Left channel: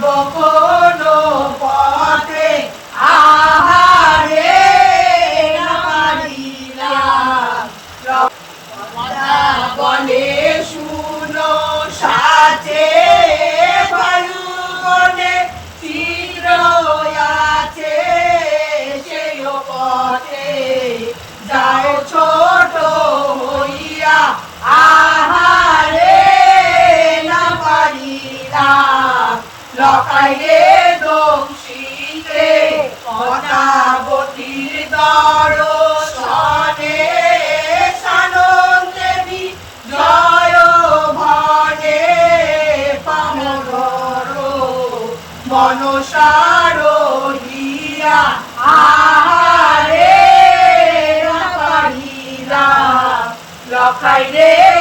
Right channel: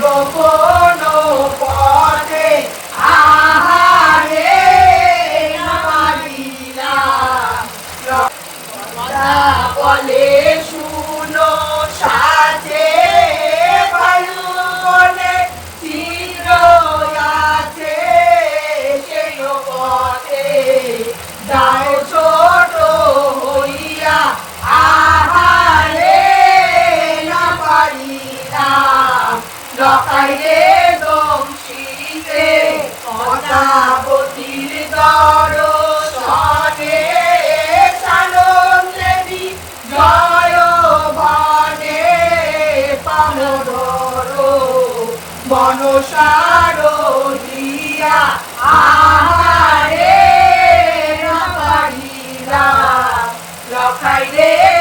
কোন পথে আহারে না বলে লকাইলে দংশিতে অনাবতীর দর্শনে সানন দেবী জয় ভনে পামর বনসার হিয়া আহারে দো